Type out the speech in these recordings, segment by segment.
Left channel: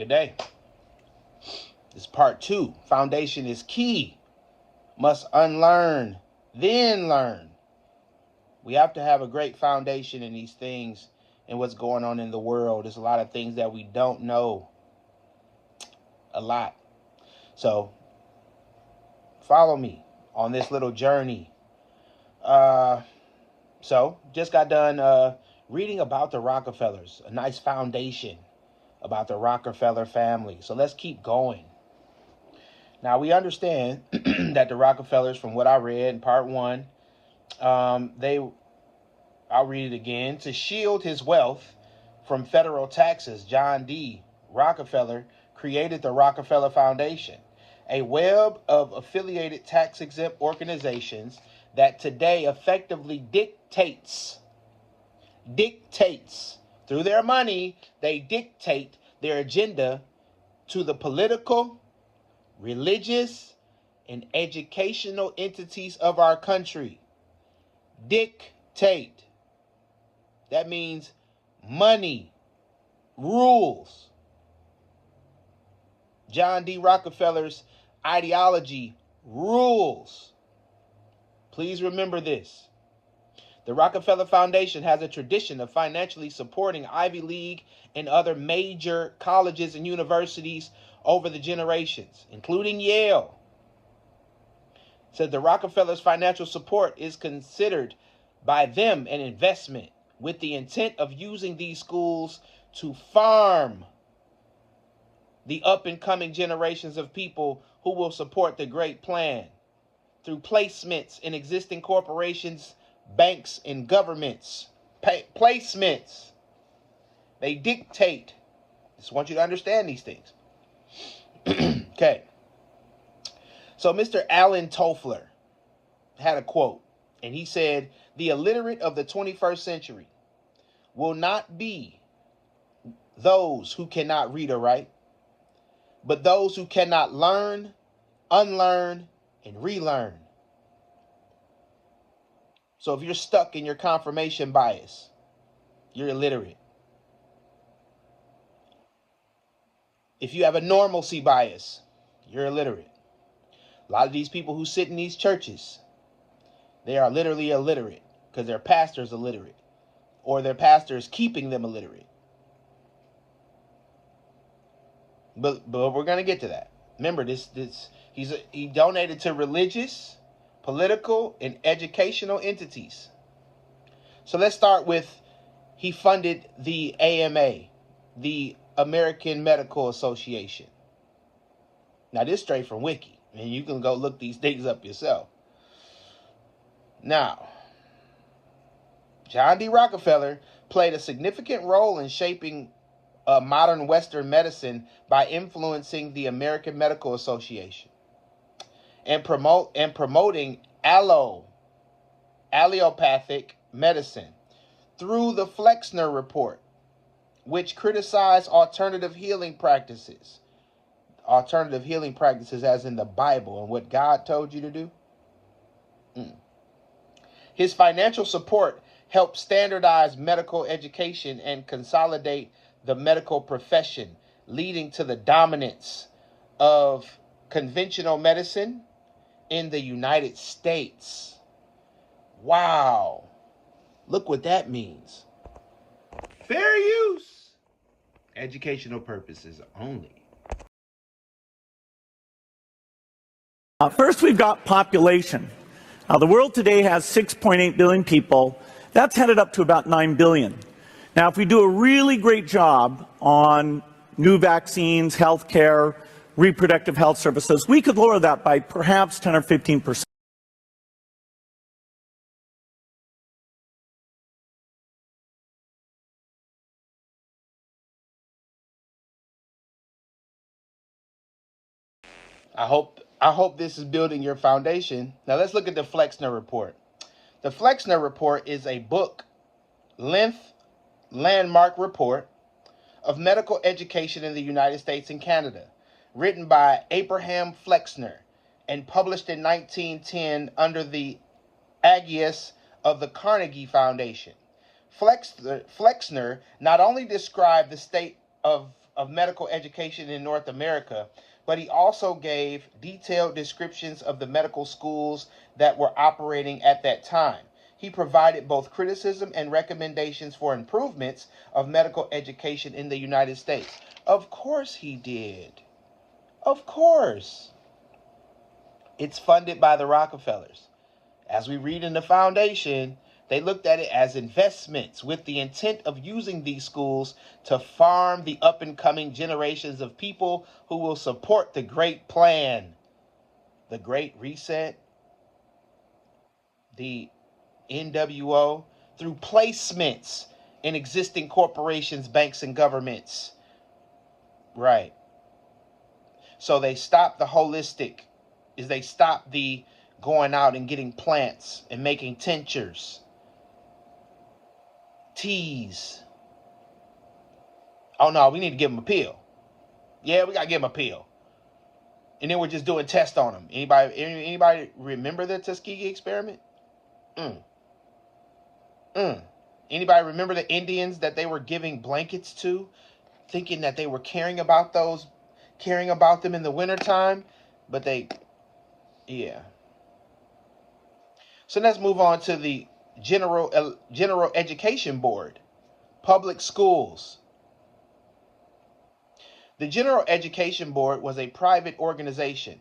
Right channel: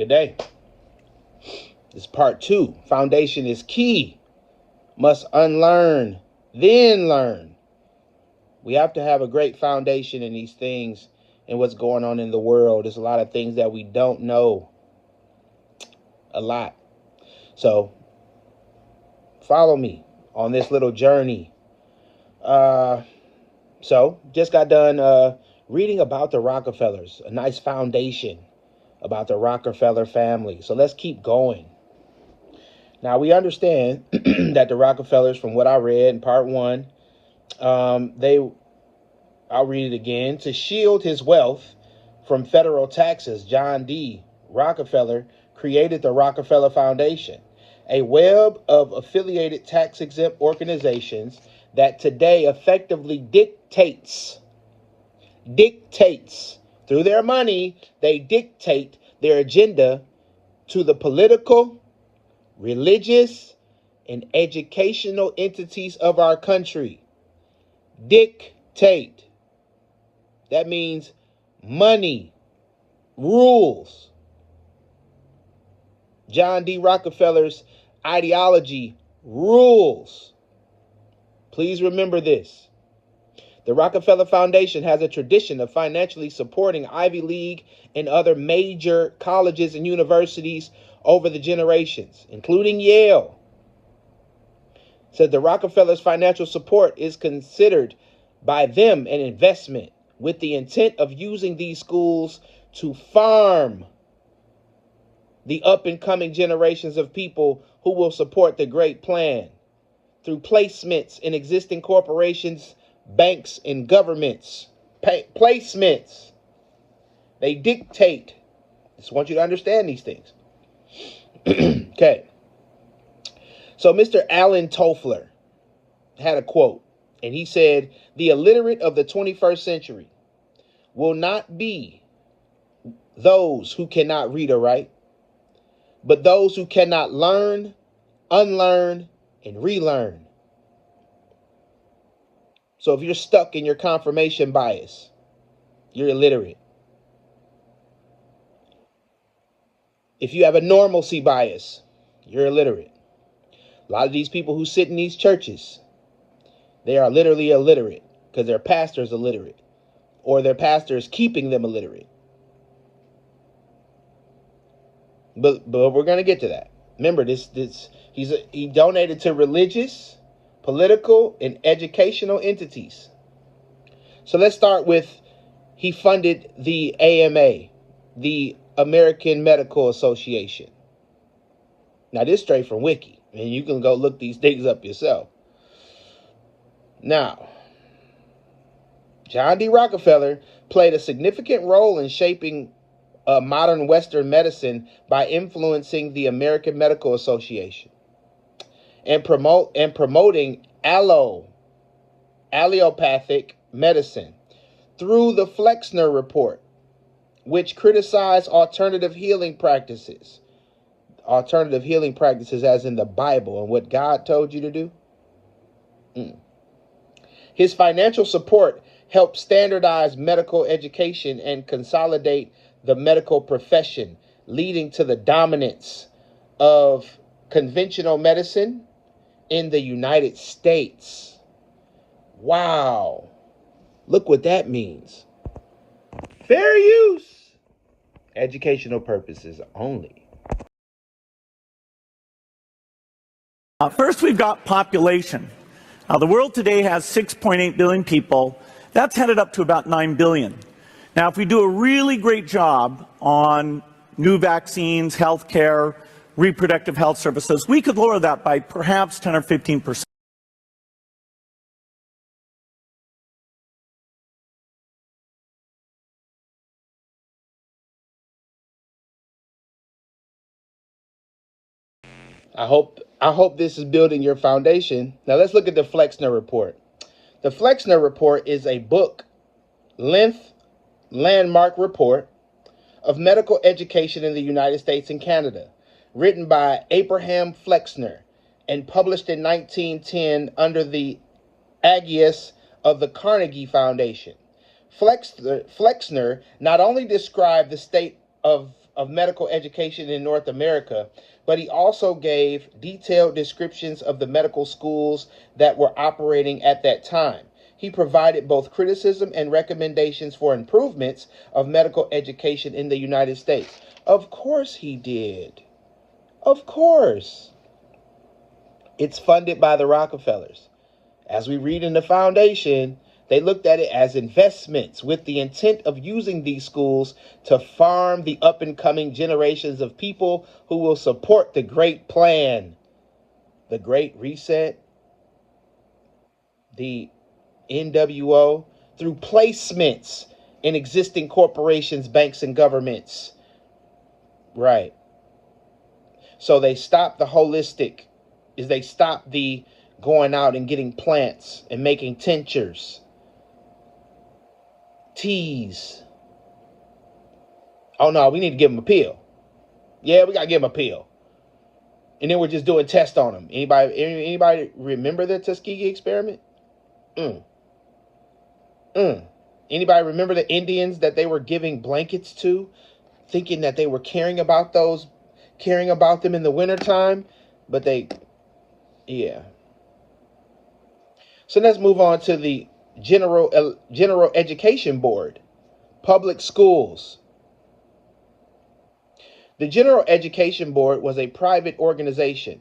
Good day. This is part 2. Foundation is key. Must unlearn, then learn. We have to have a great foundation in these things and what's going on in the world. There's a lot of things that we don't know. A lot. So follow me on this little journey. So just got done reading about the Rockefellers, a nice foundation about the Rockefeller family. So let's keep going. Now we understand that the Rockefellers, from what I read in part 1, I'll read it again. To shield his wealth from federal taxes, John D. Rockefeller created the Rockefeller Foundation, a web of affiliated tax-exempt organizations that today effectively dictates through their money. They dictate their agenda to the political, religious, and educational entities of our country. Dictate. That means money, rules. John D. Rockefeller's ideology rules. Please remember this. The Rockefeller Foundation has a tradition of financially supporting Ivy League and other major colleges and universities over the generations, including Yale. Said the Rockefellers' financial support is considered by them an investment with the intent of using these schools to farm the up-and-coming generations of people who will support the great plan through placements in existing corporations, banks, and governments. Placements. They dictate. Just want you to understand these things. Okay. So Mr. Alvin Toffler had a quote, and he said, "The illiterate of the 21st century will not be those who cannot read or write, but those who cannot learn, unlearn, and relearn." So if you're stuck in your confirmation bias, you're illiterate. If you have a normalcy bias, you're illiterate. A lot of these people who sit in these churches, they are literally illiterate because their pastor's illiterate, or their pastor is keeping them illiterate. But we're going to get to that. Remember, he donated to religious, political, and educational entities. So let's start with, he funded the AMA, the American Medical Association. Now, this is straight from Wiki, and you can go look these things up yourself. Now, John D. Rockefeller played a significant role in shaping modern Western medicine by influencing the American Medical Association and promoting allopathic medicine through the Flexner Report, which criticized alternative healing practices as in the Bible and what God told you to do. His financial support helped standardize medical education and consolidate the medical profession, leading to the dominance of conventional medicine in the United States. Wow. Look what that means. Fair use. Educational purposes only. First, we've got population. Now, the world today has 6.8 billion people. That's headed up to about 9 billion. Now, if we do a really great job on new vaccines, healthcare, reproductive health services, we could lower that by perhaps 10 or 15%. I hope this is building your foundation. Now let's look at the Flexner Report. The Flexner Report is a book-length landmark report of medical education in the United States and Canada, written by Abraham Flexner and published in 1910 under the aegis of the Carnegie Foundation. Flexner not only described the state of of medical education in North America, but he also gave detailed descriptions of the medical schools that were operating at that time. He provided both criticism and recommendations for improvements of medical education in the United States. Of course he did. Of course. It's funded by the Rockefellers. As we read in the foundation, they looked at it as investments with the intent of using these schools to farm the up-and-coming generations of people who will support the Great Plan, the Great Reset, the NWO, through placements in existing corporations, banks, and governments. Right. So they stopped the holistic, they stopped the going out and getting plants and making tinctures, teas. Oh no, we need to give them a pill. Yeah, we gotta give them a pill. And then we're just doing tests on them. Anybody remember the Tuskegee experiment? Anybody remember the Indians that they were giving blankets to, thinking that they were caring about them in the wintertime? But yeah. So let's move on to the General Education Board, public schools. The General Education Board was a private organization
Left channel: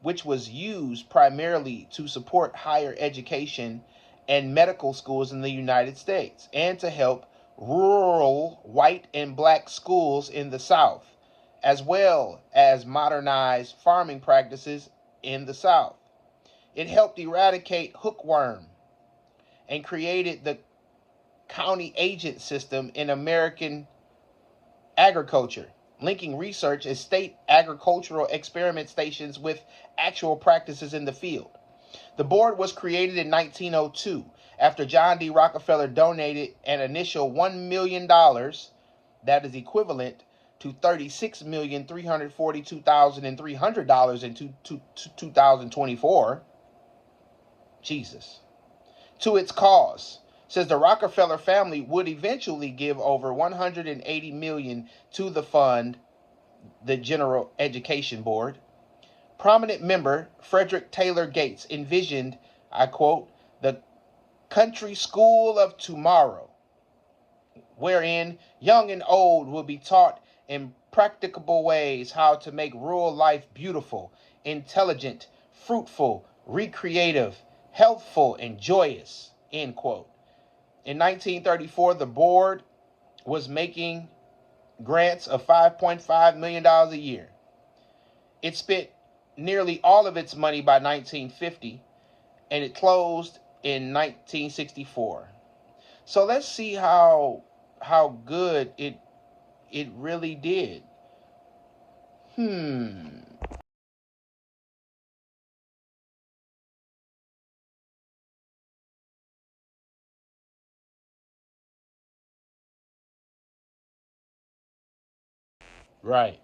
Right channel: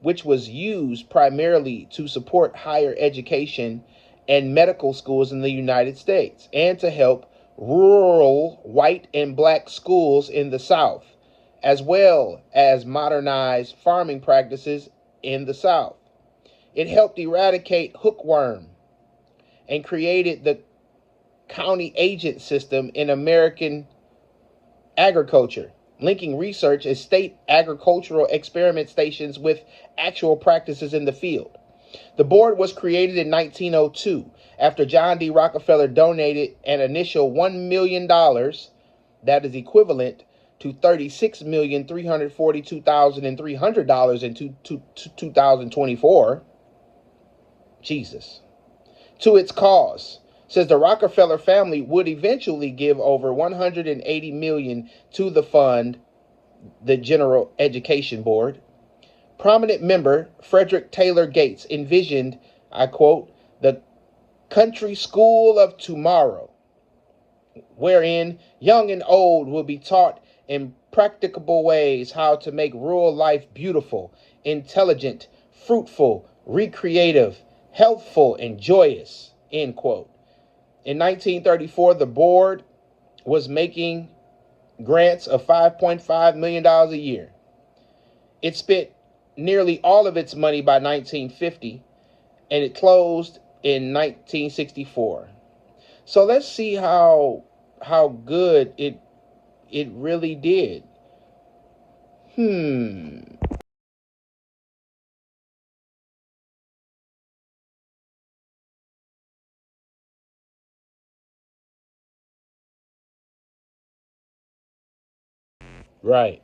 which was used primarily to support higher education and medical schools in the United States and to help rural white and black schools in the South, as well as modernize farming practices in the South. It helped eradicate hookworm and created the county agent system in American agriculture, linking research and state agricultural experiment stations with actual practices in the field. The board was created in 1902 after John D. Rockefeller donated an initial $1 million, that is equivalent to $36,342,300 in 2024. Jesus. To its cause. Says the Rockefeller family would eventually give over $180 million to the fund, the General Education Board. Prominent member Frederick Taylor Gates envisioned, I quote, the country school of tomorrow, wherein young and old will be taught in practicable ways how to make rural life beautiful, intelligent, fruitful, recreative, healthful, and joyous, end quote. In 1934, the board was making grants of $5.5 million a year. It spent nearly all of its money by 1950, and it closed in 1964. So let's see how good it really did. Right.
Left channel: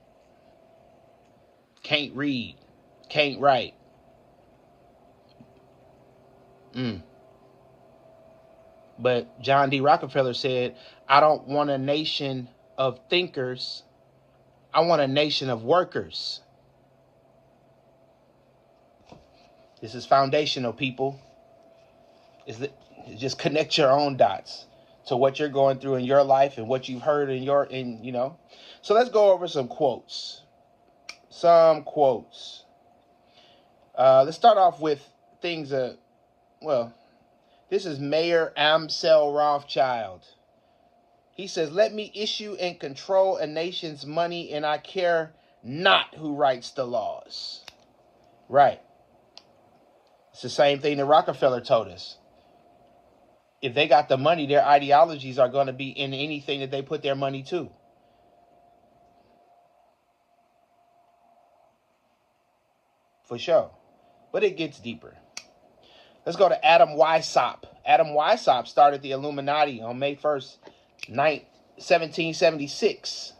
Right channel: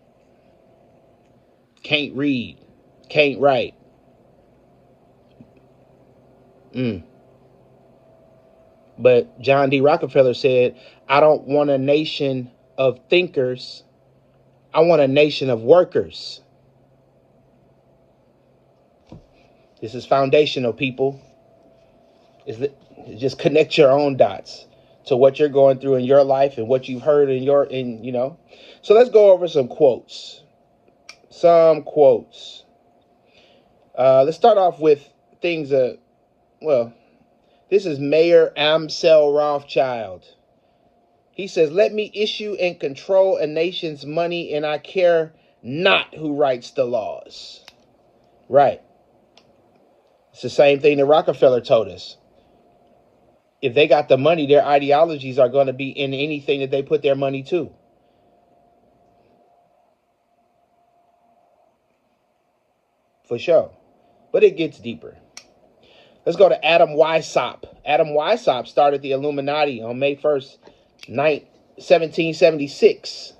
Can't read. Can't write. But John D. Rockefeller said, I don't want a nation of thinkers. I want a nation of workers. This is foundational, people. Just connect your own dots to what you're going through in your life and what you've heard So let's go over some quotes. Let's start off with things this is Mayor Amsel Rothschild. He says, let me issue and control a nation's money, and I care not who writes the laws. Right. It's the same thing that Rockefeller told us. If they got the money, their ideologies are going to be in anything that they put their money to. For sure. But it gets deeper. Let's go to Adam Weishaupt. Adam Weishaupt started the Illuminati on May 1st, 1776.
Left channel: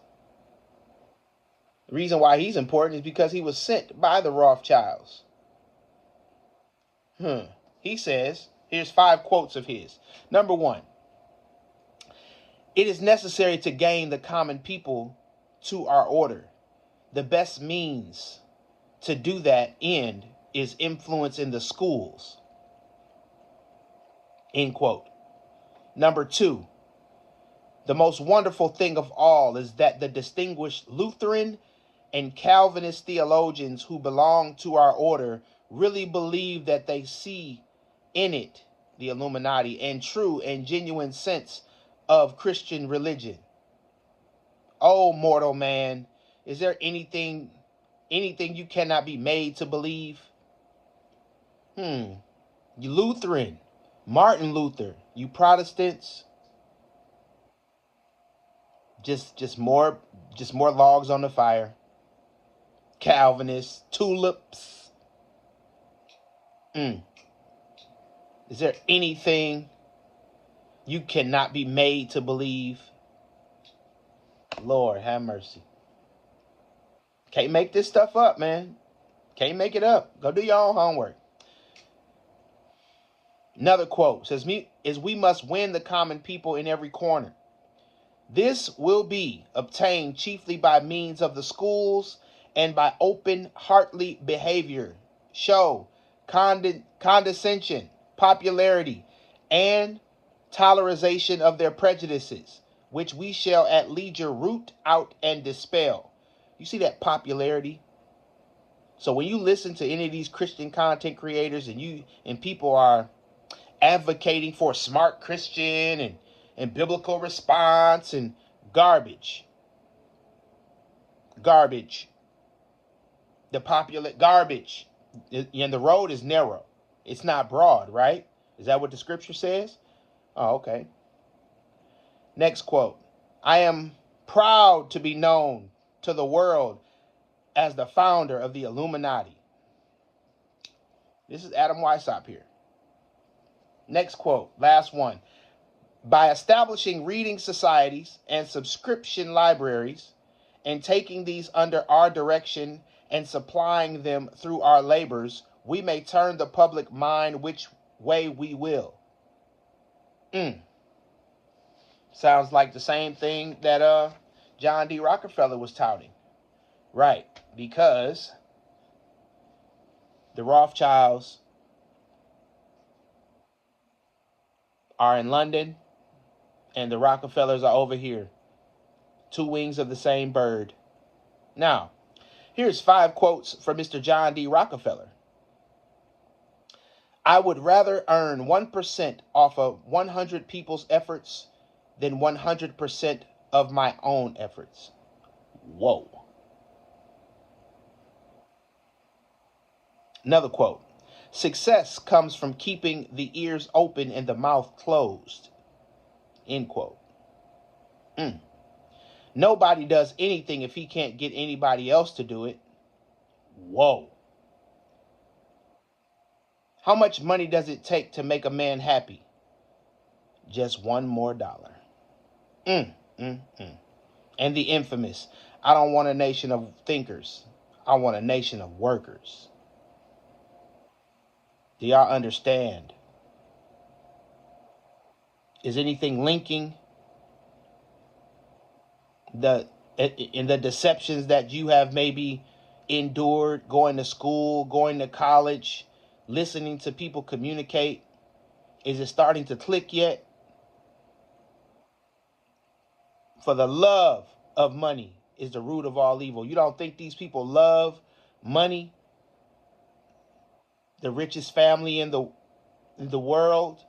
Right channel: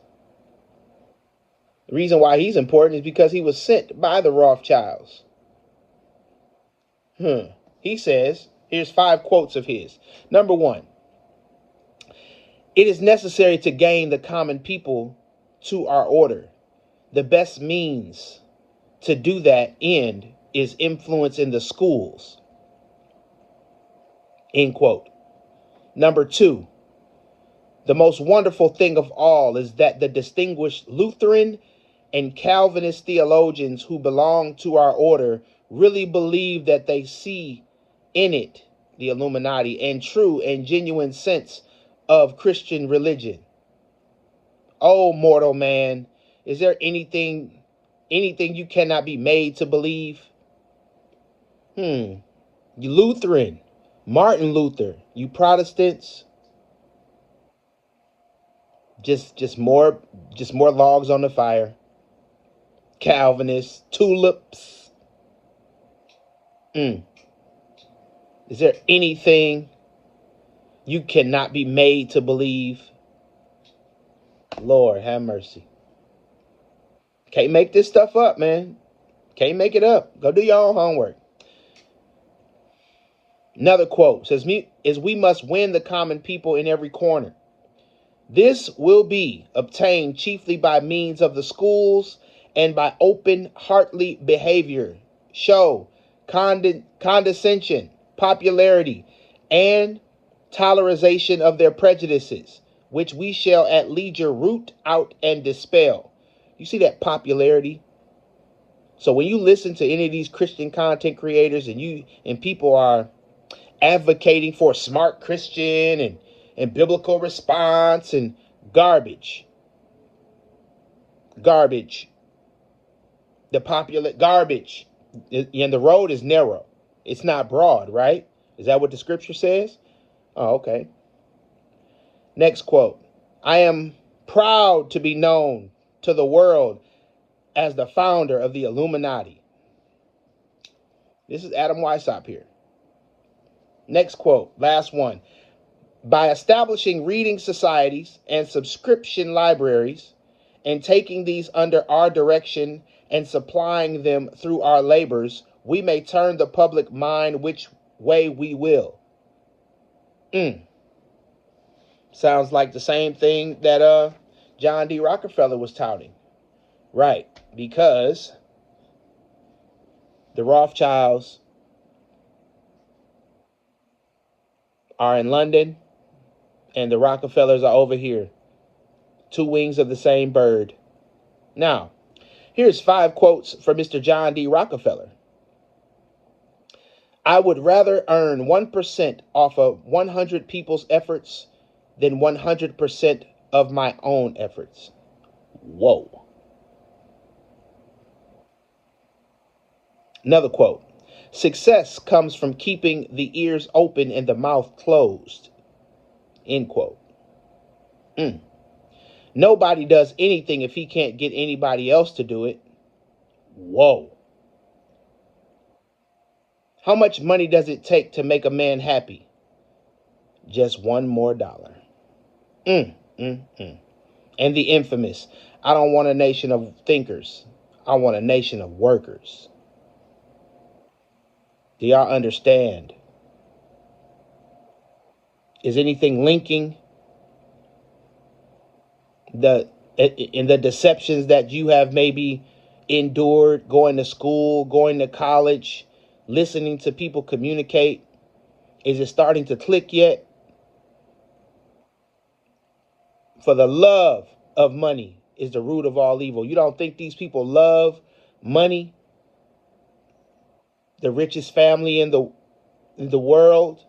The reason why he's important is because he was sent by the Rothschilds. He says, here's 5 quotes of his. Number 1, it is necessary to gain the common people to our order. The best means to do that end is influence in the schools. End quote. Number 2, the most wonderful thing of all is that the distinguished Lutheran and Calvinist theologians who belong to our order really believe that they see in it, the Illuminati, and true and genuine sense of Christian religion. Oh, mortal man, is there anything you cannot be made to believe? You Lutheran, Martin Luther, you Protestants, just more logs on the fire. Calvinists, tulips. Is there anything you cannot be made to believe? Lord, have mercy. Can't make this stuff up, man. Can't make it up. Go do your own homework. Another quote says, we must win the common people in every corner. This will be obtained chiefly by means of the schools and by open, heartly behavior, show, condescension, popularity, and tolerization of their prejudices, which we shall at leisure root out and dispel. You see that popularity? So when you listen to any of these Christian content creators and people are advocating for smart Christian and biblical response and garbage. The popular garbage. And the road is narrow. It's not broad, right? Is that what the scripture says? Oh, okay. Next quote. I am proud to be known to the world as the founder of the Illuminati. This is Adam Weishaupt here. Next quote, last one. By establishing reading societies and subscription libraries and taking these under our direction and supplying them through our labors, we may turn the public mind which way we will. Sounds like the same thing that John D. Rockefeller was touting. Right, because the Rothschilds are in London and the Rockefellers are over here. Two wings of the same bird. Now, here's 5 quotes from Mr. John D. Rockefeller. I would rather earn 1% off of 100 people's efforts than 100% of my own efforts. Whoa. Another quote. Success comes from keeping the ears open and the mouth closed. End quote. Nobody does anything if he can't get anybody else to do it. Whoa. How much money does it take to make a man happy? Just $1 more. And the infamous, I don't want a nation of thinkers. I want a nation of workers. Do y'all understand? Is anything linking in the deceptions that you have maybe endured, going to school, going to college, listening to people communicate? Is it starting to click yet? For the love of money is the root of all evil. You don't think these people love money? The richest family in the world,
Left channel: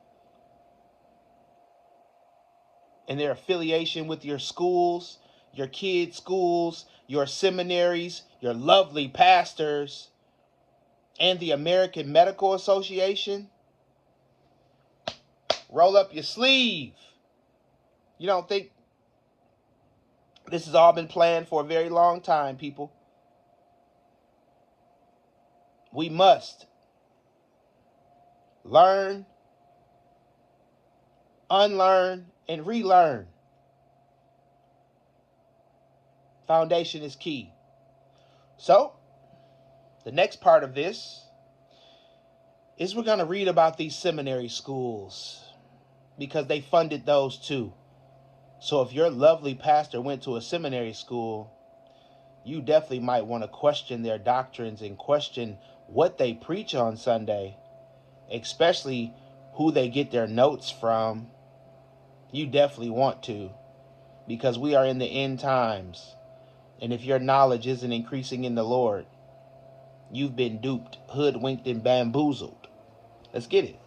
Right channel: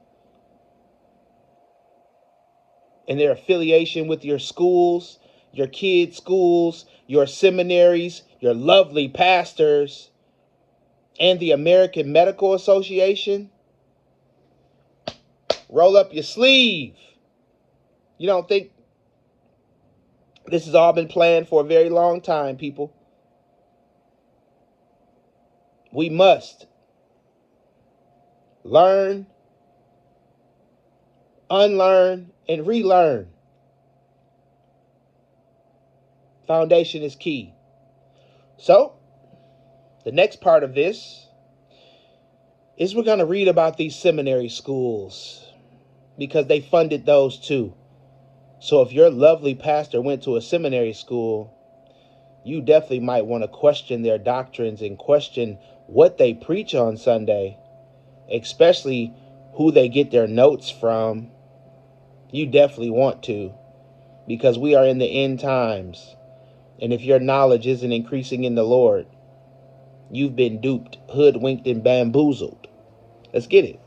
and their affiliation with your schools, your kids' schools, your seminaries, your lovely pastors, and the American Medical Association. Roll up your sleeve. You don't think this has all been planned for a very long time, people? We must learn, unlearn, and relearn. Foundation is key. So, the next part of this is we're going to read about these seminary schools because they funded those too. So if your lovely pastor went to a seminary school, you definitely might want to question their doctrines and question what they preach on Sunday, especially who they get their notes from. You definitely want to, because we are in the end times. And if your knowledge isn't increasing in the Lord, you've been duped, hoodwinked, and bamboozled. Let's get it.